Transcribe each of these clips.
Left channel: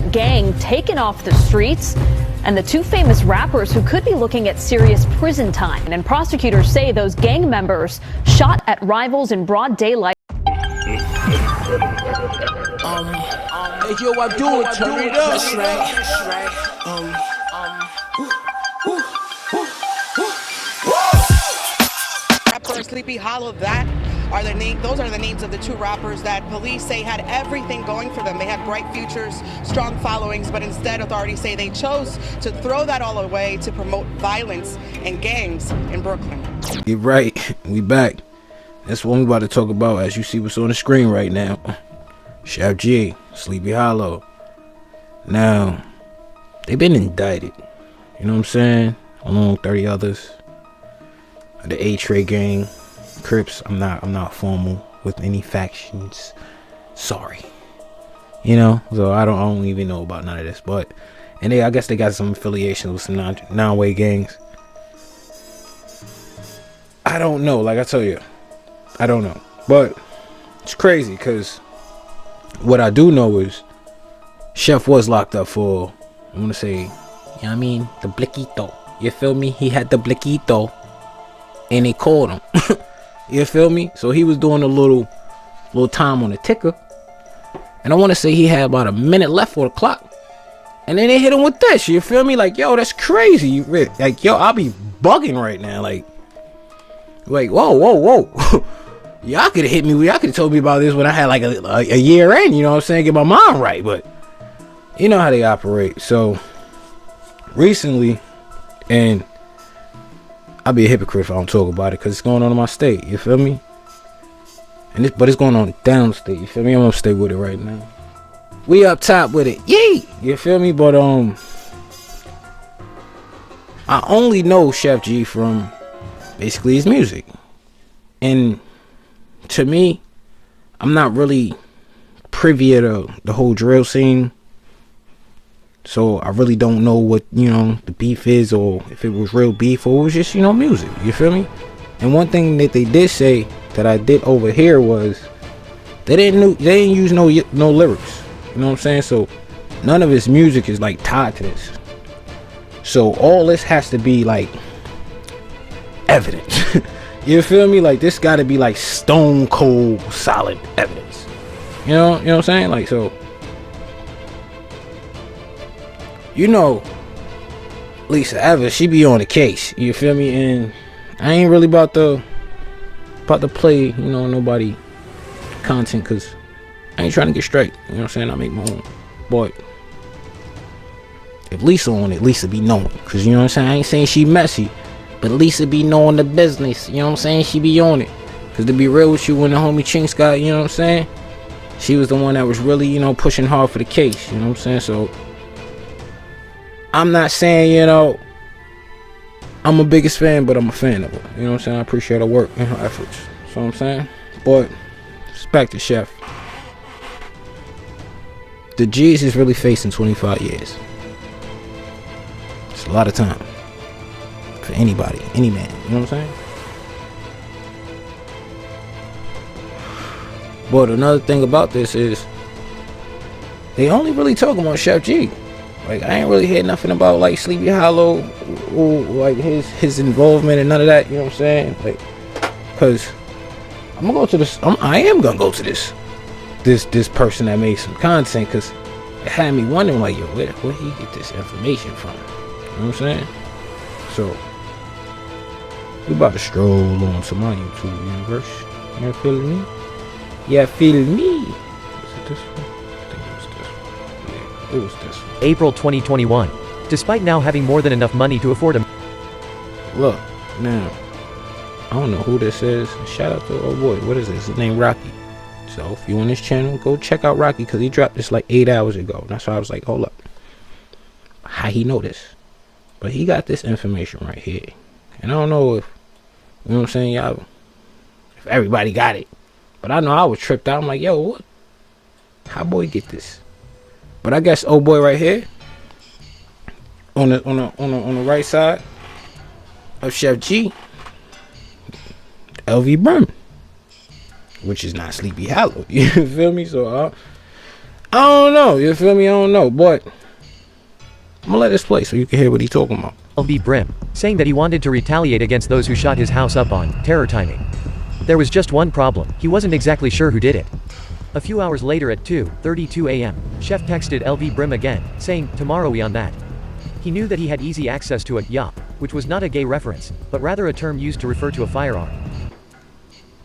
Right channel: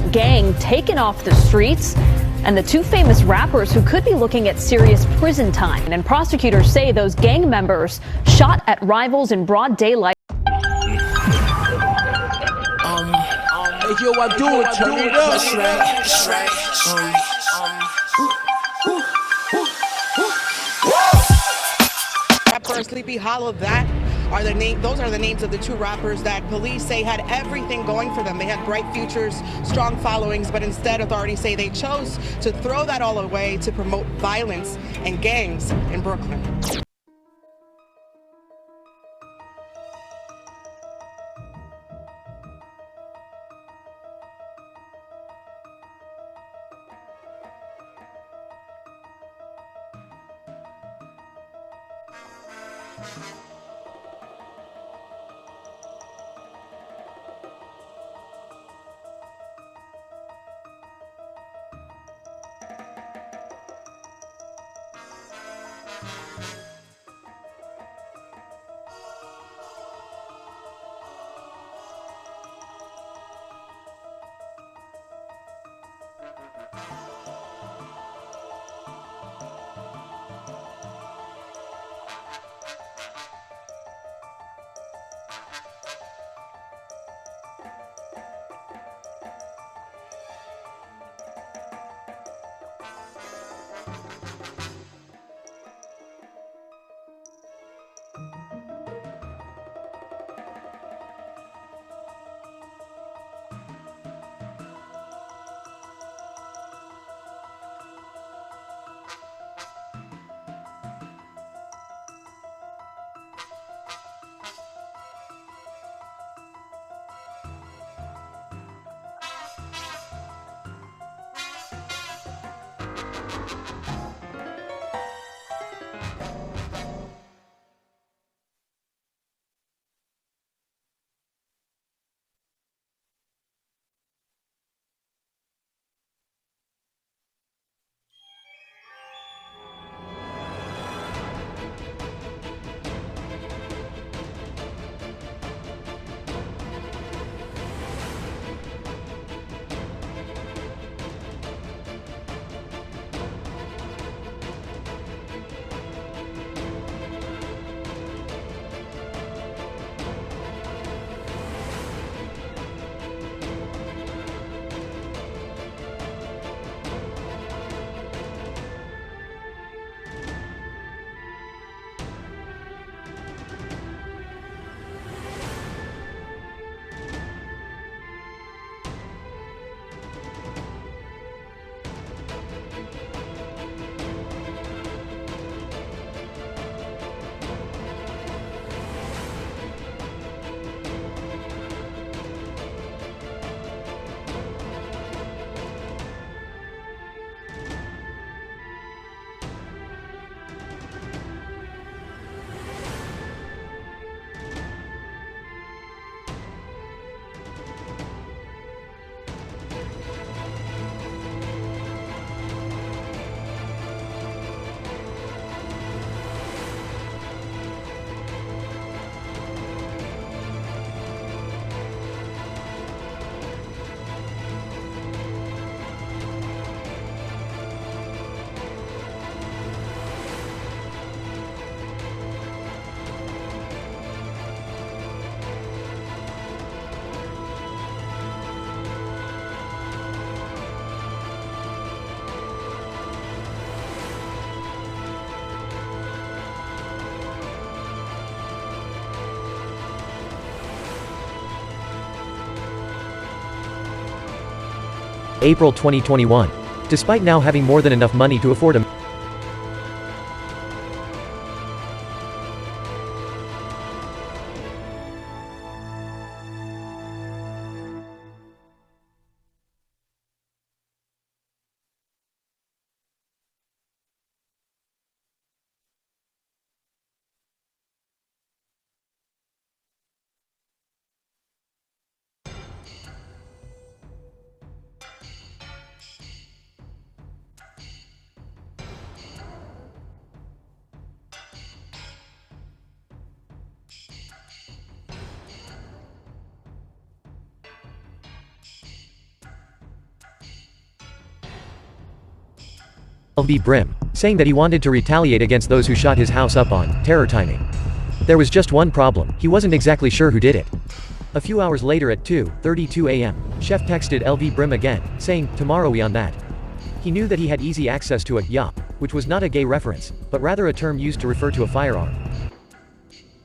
gang taken off the streets, and the two famous rappers who could be looking at serious prison time. And prosecutors say those gang members shot at rivals in broad daylight. Hey, yo, I'm doing turn it up. Rapper SleepyHallow, those are the names of the two rappers that police say had everything going for them. They had bright futures, strong followings, but instead authorities say they chose to throw that all away to promote violence and gangs in Brooklyn. You're right, we back. That's what we're about to talk about, as you see what's on the screen right now. SHEFFG, SleepyHallow. Now, they've been indicted. You know what I'm saying? Along with 30 others. The A-Tray gang, Crips. I'm not formal with any factions. Sorry. You know, so I don't even know about none of this. But I guess they got some affiliations with some non-way gangs. I don't know. Like I tell you, I don't know. But it's crazy because what I do know is Sheff was locked up for, I want to say, you know what I mean, the bliquito. You feel me? He had the bliquito and they called him. You feel me? So he was doing a little time on the ticker. And I want to say he had about a minute left for the clock. And then they hit him with this. You feel me? Like, yo, that's crazy. Like, yo, I'll be bugging right now. Like whoa. Y'all could have hit me. Y'all could have told me about this when I had like a year in, you know what I'm saying? Get my mind right. But you know how they operate. So recently, and I'll be a hypocrite if I don't talk about it because it's going on in my state. You feel me? But it's going on downstate. You feel me? I'm gonna stay with it right now. We up top with it. Yay! You feel me? But I only know SHEFFG from basically his music. And to me, I'm not really privy to the whole drill scene. So I really don't know what, you know, the beef is, or if it was real beef or it was just, you know, music. You feel me? And one thing that they did say that I did overhear was they didn't use no lyrics. You know what I'm saying? So none of his music is like tied to this. So all this has to be like evidence. You feel me? Like this got to be like stone cold solid evidence. You know what I'm saying? Like, so, you know, Lisa Evans, she be on the case. You feel me? And I ain't really about to play, you know, nobody content, because I ain't trying to get straight. You know what I'm saying? I make my own. But if Lisa on it, Lisa be knowing. Because, you know what I'm saying? I ain't saying she messy, but Lisa be knowing the business. You know what I'm saying? She be on it. Because to be real with you, when the homie Chinks got, you know what I'm saying? She was the one that was really, you know, pushing hard for the case. You know what I'm saying? So I'm not saying, you know, I'm a biggest fan, but I'm a fan of her. You know what I'm saying? I appreciate her work and her efforts. You know what I'm saying? But respect to Sheff. The G's is really facing 25 years. It's a lot of time for anybody, any man. You know what I'm saying? But another thing about this is they only really talking about SHEFFG. Like, I ain't really hear nothing about like SleepyHallow or like his involvement and none of that. You know what I'm saying? Like, cause I am gonna go to this person that made some content, cause it had me wondering, like, yo, where he get this information from? You know what I'm saying? So we about to stroll on to my YouTube universe. You feel me? Yeah, feel me? It was this. April 2021. Despite now having more than enough money to afford a... Look, now, I don't know who this is. Shout out to, oh boy, what is this? His name Rocky. So if you on this channel, go check out Rocky, because he dropped this like 8 hours ago. That's why I was like, hold up. How he know this? But he got this information right here. And I don't know if, you know what I'm saying, y'all, if everybody got it. But I know I was tripped out. I'm like, yo, what? How boy get this? But I guess old boy right here, on the right side of SHEFFG, LV Burn, which is not SleepyHallow. You feel me? So I don't know. You feel me? I don't know. But I'm gonna let this play so you can hear what he's talking about. LV Brim, saying that he wanted to retaliate against those who shot his house up on terror timing. There was just one problem, he wasn't exactly sure who did it. A few hours later at 2:32 a.m., Sheff texted LV Brim again, saying, tomorrow we on that. He knew that he had easy access to a yop, which was not a gay reference, but rather a term used to refer to a firearm.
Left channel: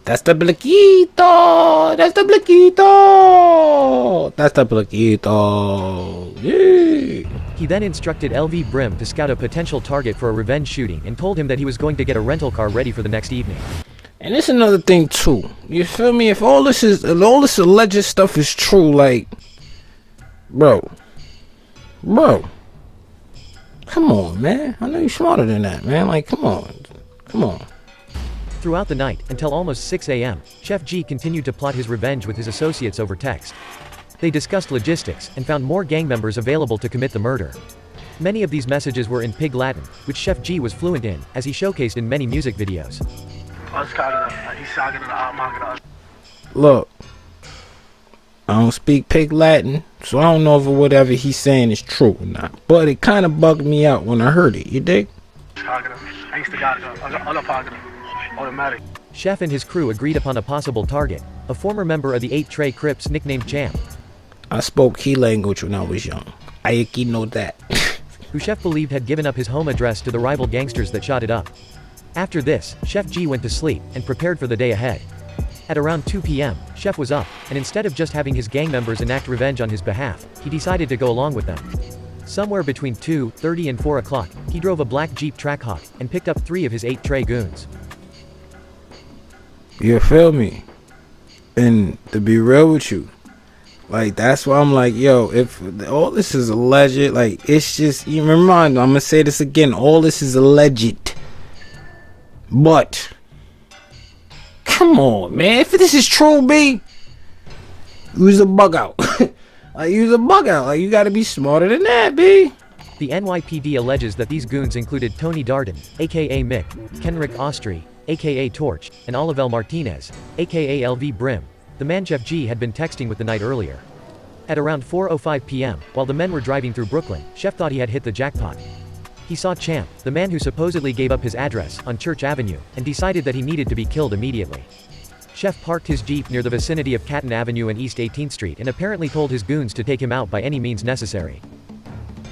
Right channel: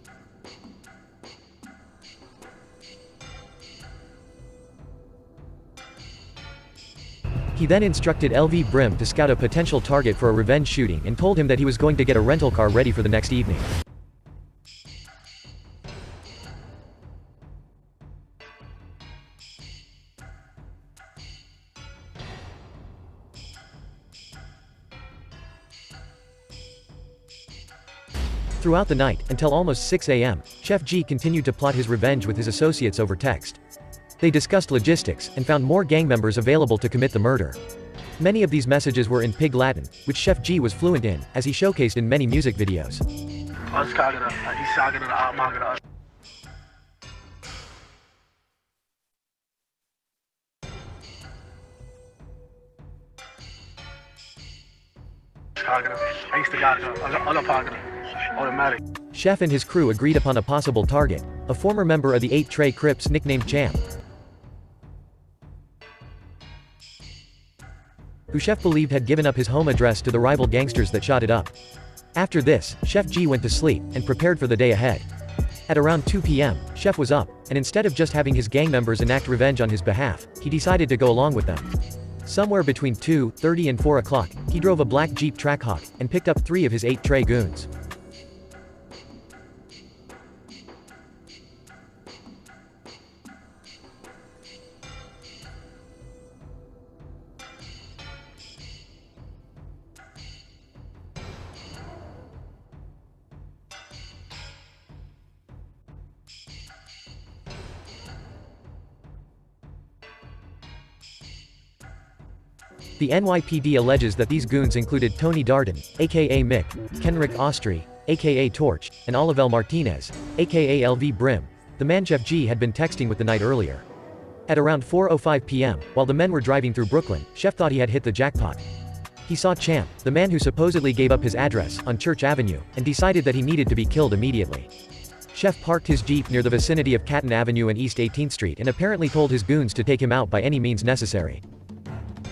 That's the Blaquito! That's the Blaquito! That's the Blaquito! Yeah! He then instructed LV Brim to scout a potential target for a revenge shooting and told him that he was going to get a rental car ready for the next evening. And it's another thing too. You feel me? If all this alleged stuff is true, like, bro, come on, man. I know you're smarter than that, man. Like, come on. Throughout the night, until almost 6 a.m., SHEFFG continued to plot his revenge with his associates over text. They discussed logistics, and found more gang members available to commit the murder. Many of these messages were in Pig Latin, which SHEFFG was fluent in, as he showcased in many music videos. Look, I don't speak Pig Latin, so I don't know if whatever he's saying is true or not. But it kind of bugged me out when I heard it, you dig? Sheff and his crew agreed upon a possible target, a former member of the 8 Trey Crips nicknamed Champ. I spoke key language when I was young. I know that. Who Sheff believed had given up his home address to the rival gangsters that shot it up. After this, SHEFFG went to sleep, and prepared for the day ahead. At around 2 p.m., Sheff was up, and instead of just having his gang members enact revenge on his behalf, he decided to go along with them. Somewhere between 2:30 and 4 o'clock, he drove a black Jeep Trackhawk, and picked up 3 of his 8 Trey goons. You feel me? And to be real with you, like, that's why I'm like, yo, if all this is alleged, like, it's just, you remind me, I'm gonna say this again, all this is alleged. But come on, man, if this is true, B, use a bug out. Like, use a bug out. Like, you gotta be smarter than that, B. The NYPD alleges that these goons included Tony Darden, aka Mick, Kenrick Austri, aka Torch, and Olivel Martinez, aka LV Brim, the man SHEFFG had been texting with the night earlier. At around 4:05 p.m., while the men were driving through Brooklyn, Sheff thought he had hit the jackpot. He saw Champ, the man who supposedly gave up his address, on Church Avenue, and decided that he needed to be killed immediately. Sheff parked his Jeep near the vicinity of Catton Avenue and East 18th Street and apparently told his goons to take him out by any means necessary.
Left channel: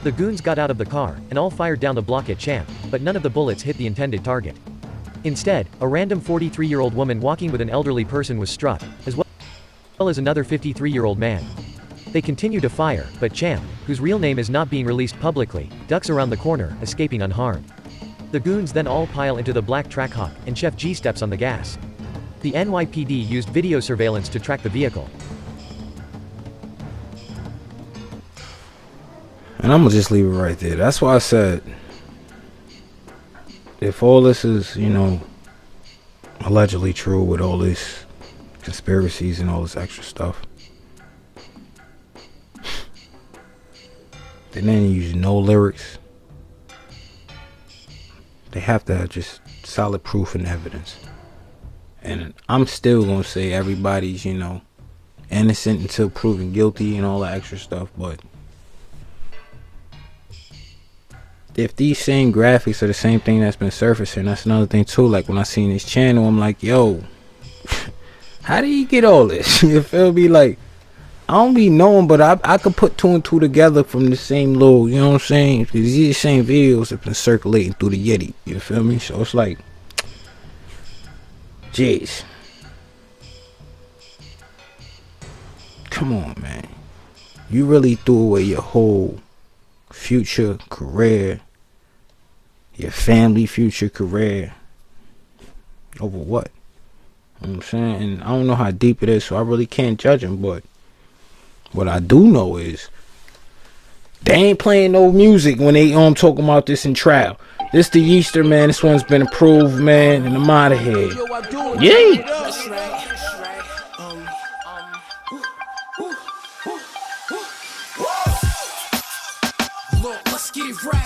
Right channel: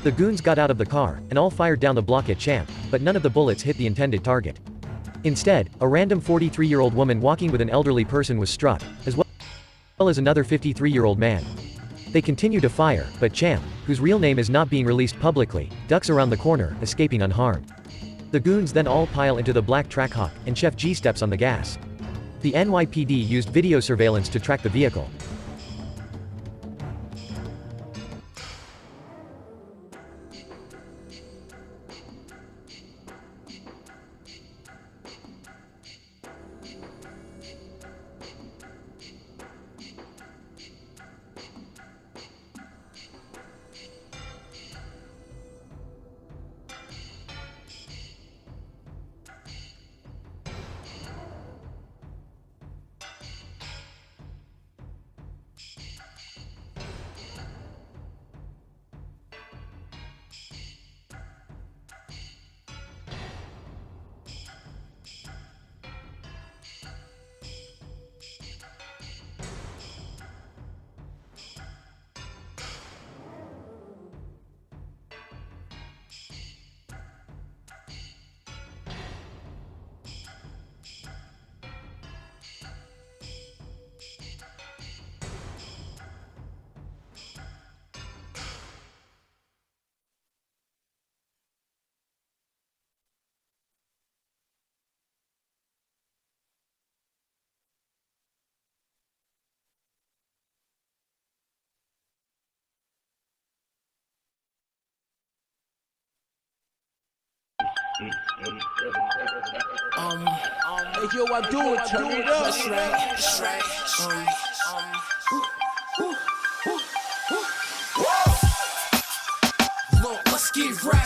The goons got out of the car, and all fired down the block at Champ, but none of the bullets hit the intended target. Instead, a random 43-year-old woman walking with an elderly person was struck, as well as another 53-year-old man. They continue to fire, but Champ, whose real name is not being released publicly, ducks around the corner, escaping unharmed. The goons then all pile into the black Trackhawk, and SHEFFG steps on the gas. The NYPD used video surveillance to track the vehicle. And I'm gonna just leave it right there. That's why I said, if all this is, you know, allegedly true with all these conspiracies and all this extra stuff, they didn't use no lyrics. They have to have just solid proof and evidence. And I'm still gonna say everybody's, you know, innocent until proven guilty and all that extra stuff, but if these same graphics are the same thing that's been surfacing, that's another thing too. Like, when I seen his channel, I'm like, yo, how did he get all this? You feel me? Like, I don't be knowing, but I could put 2 and 2 together from the same little, you know what I'm saying? Because these same videos have been circulating through the Yeti, you feel me? So it's like, jeez. Come on, man. You really threw away your whole future career, your family future career, over what? You know what I'm saying? And I don't know how deep it is, so I really can't judge him, but what I do know is they ain't playing no music when they talking about this in trial. This the Yeaster, man. This one's been approved, man, and I'm out of here. Yeah. Look, let's get right.